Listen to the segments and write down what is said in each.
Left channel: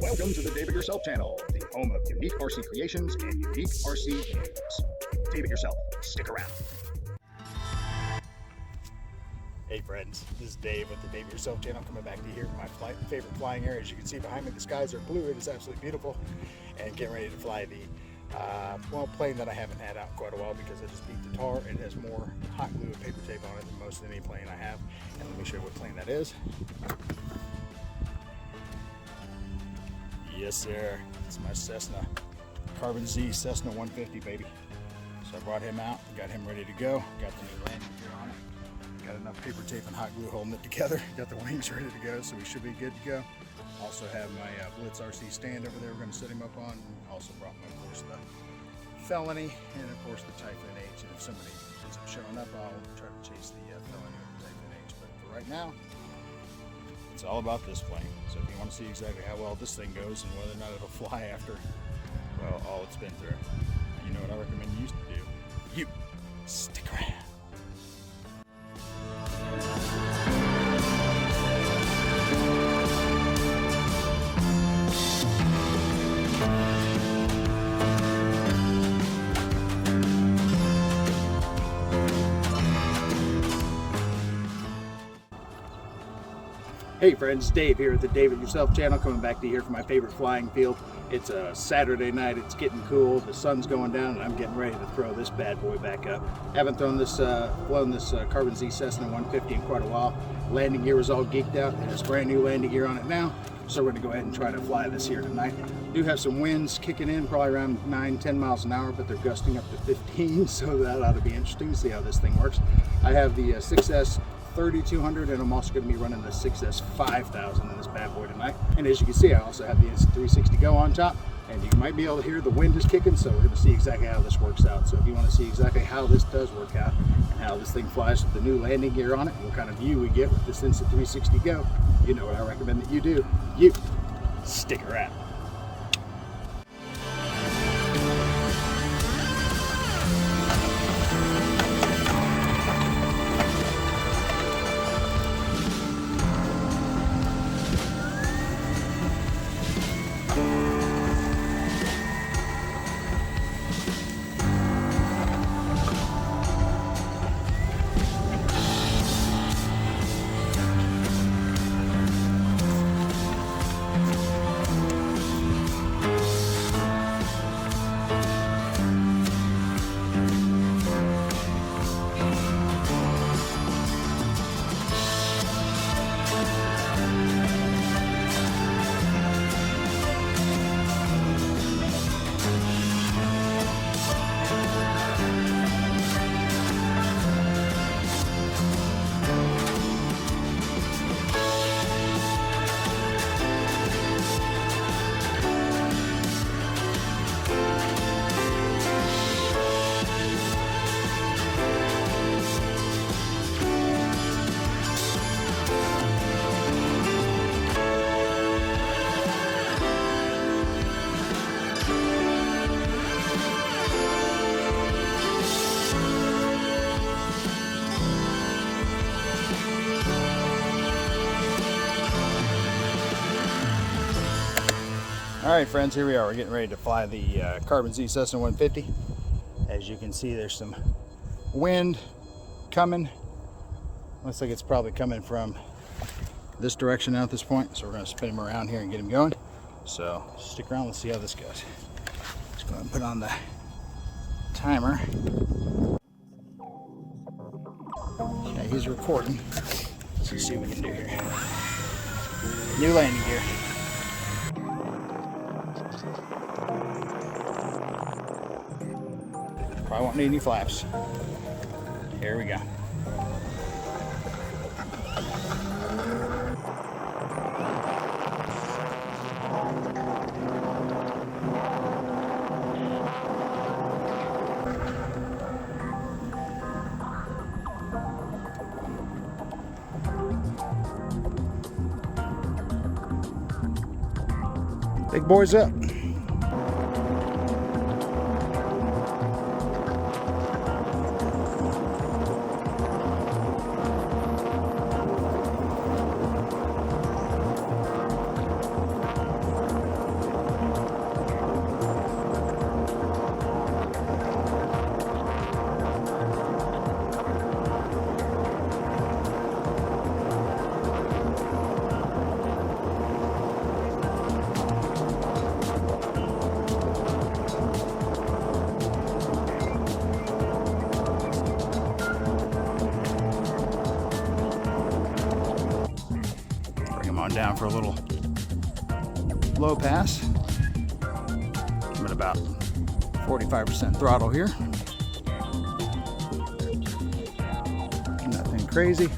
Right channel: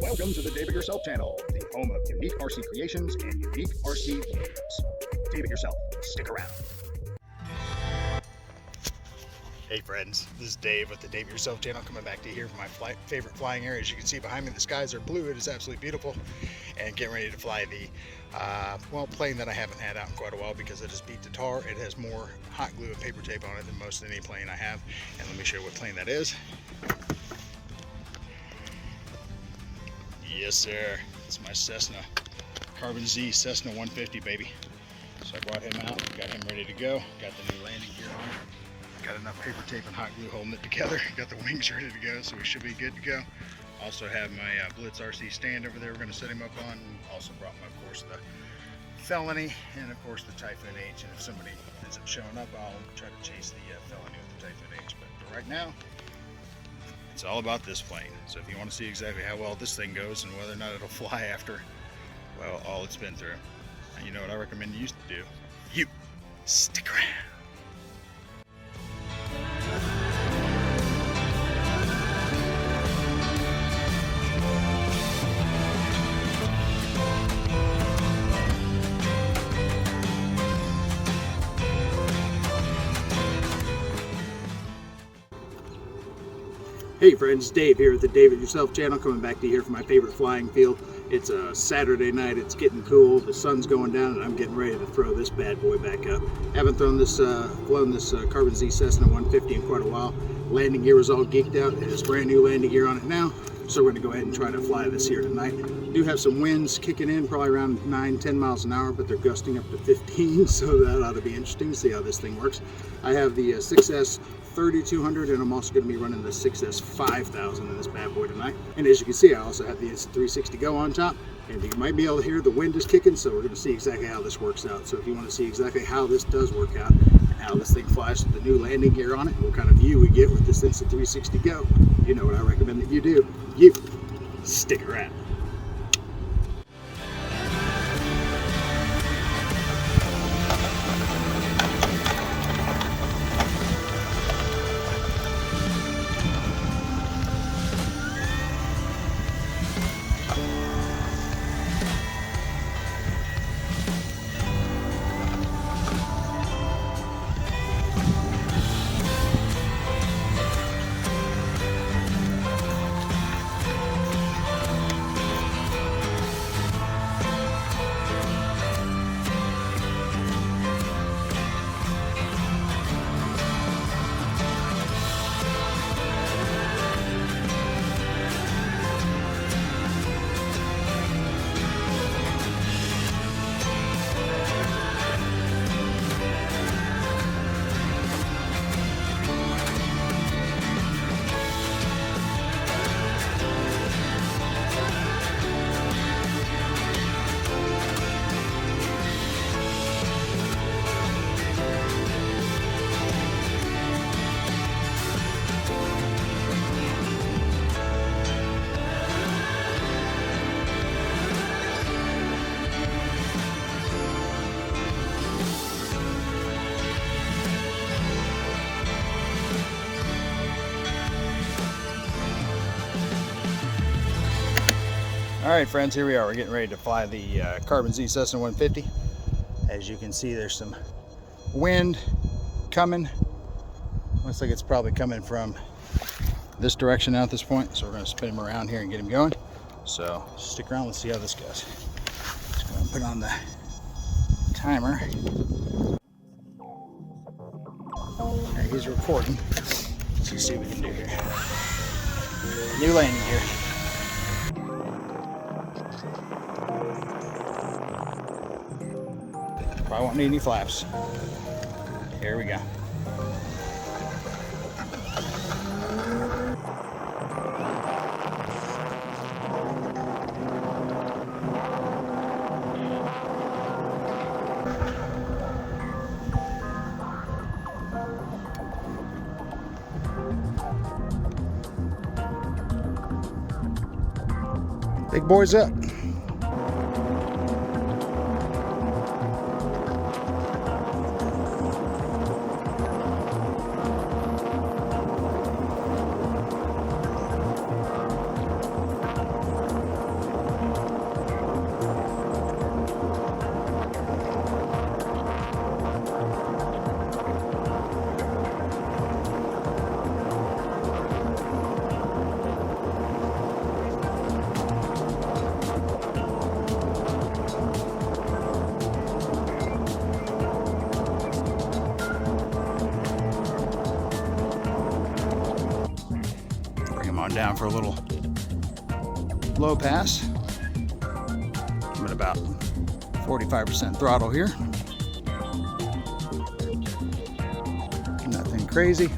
Welcome to the Dave It Yourself channel, the home of unique RC creations and unique RC news. Dave It Yourself, stick around. Hey friends, this is Dave with the Dave It Yourself channel, coming back to you here from my favorite flying area. As you can see behind me, the skies are blue. It is absolutely beautiful, and getting ready to fly the plane that I haven't had out in quite a while because it is beat to tar. It has more hot glue and paper tape on it than most any plane I have, and let me show you what plane that is. Yes sir, it's my CESSNA Carbon Z CESSNA 150, baby. So I brought him out, got him ready to go, got the new landing gear on it, got enough paper tape and hot glue holding it together, got the wings ready to go, so we should be good to go. Also have my Blitz RC stand over there we're going to set him up on. Also brought my, of course, the Felony and of course the Typhoon H, and if somebody ends up showing up, I'll try to chase the Felony with the Typhoon H. But for right now, it's all about this plane. So if you want to see exactly how well this thing goes and whether or not it'll fly after, well, all it's been through, and you know what I recommend you do? You stick around. Hey friends, Dave here at the Dave It Yourself channel, coming back to you here from my favorite flying field. It's a Saturday night, it's getting cool, the sun's going down, and I'm getting ready to throw this bad boy back up. Haven't flown this Carbon Z CESSNA 150 in quite a while. Landing gear was all geeked out. It has brand new landing gear on it now, so we're going to go ahead and try to fly this here tonight. Do have some winds kicking in, probably around 9-10 miles an hour, but they're gusting up to 15, so that ought to be interesting to see how this thing works. I have the 6S 3200, and I'm also going to be running the 6S 5000 in this bad boy tonight. And as you can see, I also have the 360 Go on top, and you might be able to hear the wind is kicking, so we're going to see exactly how this works out. So if you want to see exactly how this does work out and how this thing flies with the new landing gear on it, and what kind of view we get with this Instant 360 Go, you know what I recommend that you do. You stick around. All right, friends, here we are. We're getting ready to fly the Carbon Z CESSNA 150. As you can see, there's some wind coming. Looks like it's probably coming from this direction now at this point. So we're going to spin him around here and get him going. So stick around. Let's see how this goes. Let's go ahead and put on the timer. Okay, he's recording. Let's see what we can do here. New landing gear. Probably won't need any flaps. Here we go. Big boys up. on down for a little low pass. I'm at about 45% throttle here. Nothing crazy.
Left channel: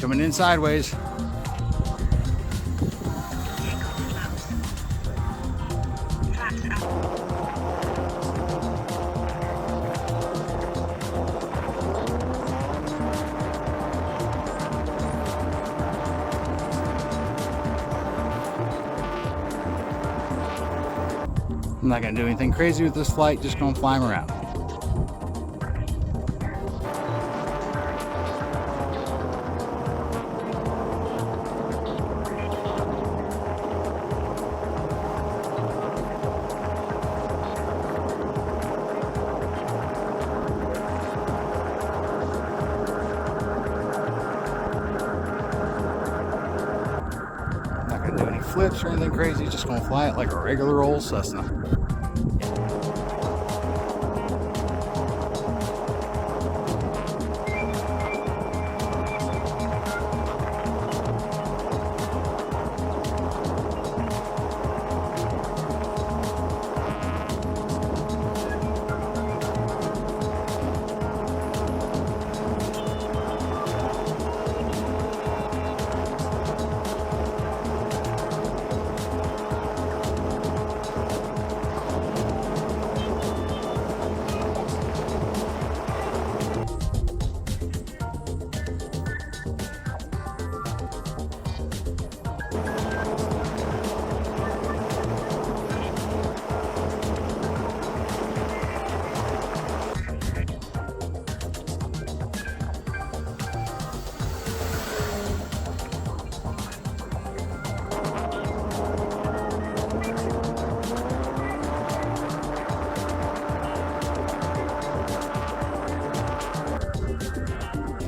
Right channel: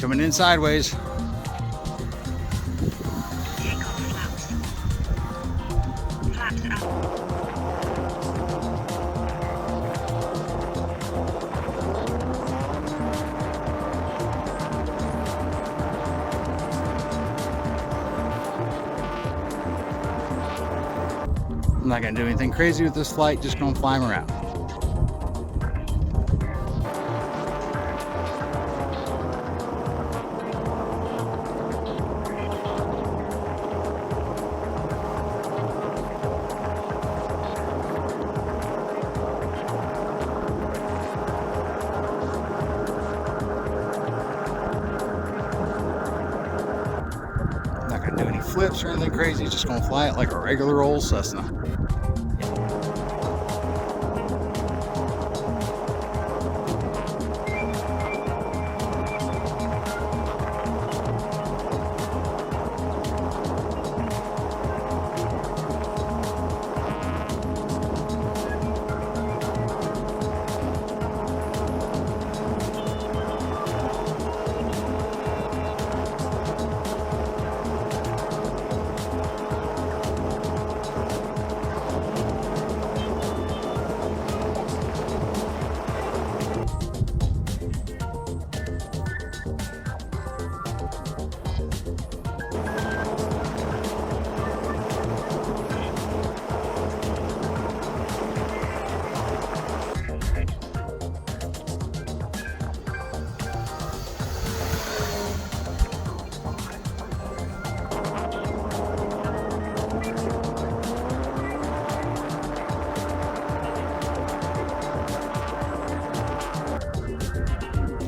Coming in sideways. Flaps up. I'm not gonna do anything crazy with this flight, just gonna fly them around. Not gonna do any flips or anything crazy, just gonna fly it like a regular old Cessna.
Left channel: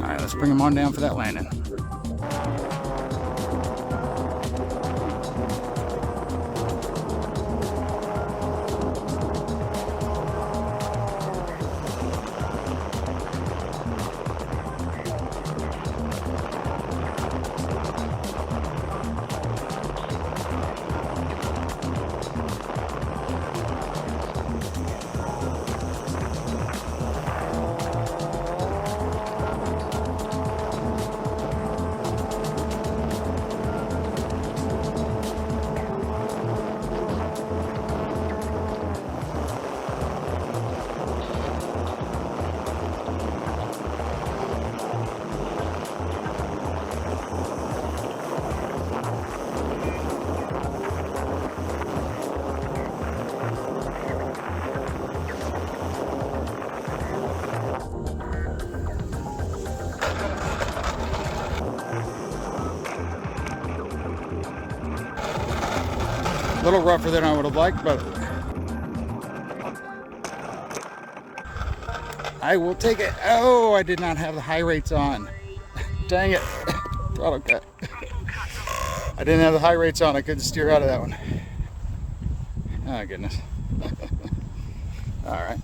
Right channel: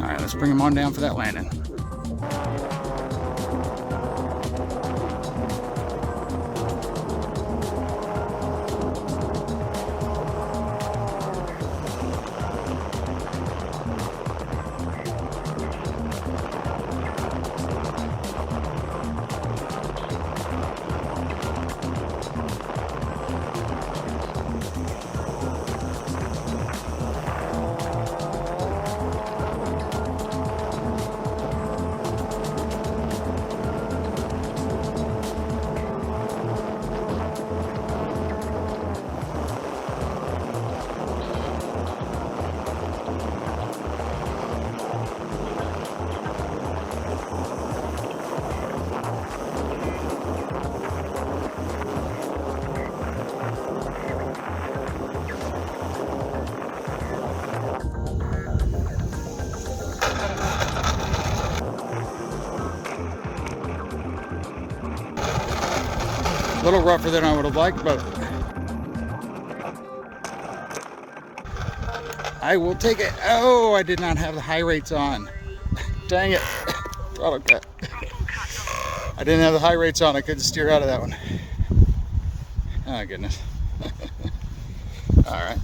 All right, let's bring them on down for that landing. A little rougher than I would have liked, but I will take it. Oh, I did not have the high rates on. Dang it. Throttle cut. I didn't have the high rates on. I couldn't steer out of that one. Oh, goodness. All right.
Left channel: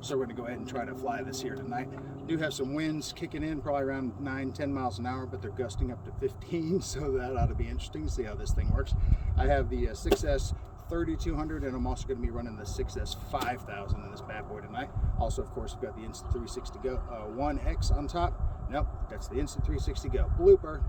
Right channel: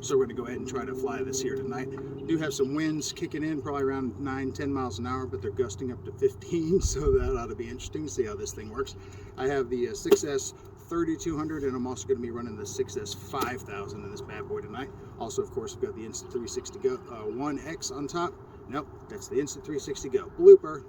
So we're going to go ahead and try to fly this here tonight. Do have some winds kicking in, probably around 9-10 miles an hour, but they're gusting up to 15, so that ought to be interesting to see how this thing works. I have the 6S 3200, and I'm also going to be running the 6S 5000 in this bad boy tonight. Also, of course, we've got the Insta360 Go 1X on top. Nope, that's the instant 360 go. Blooper.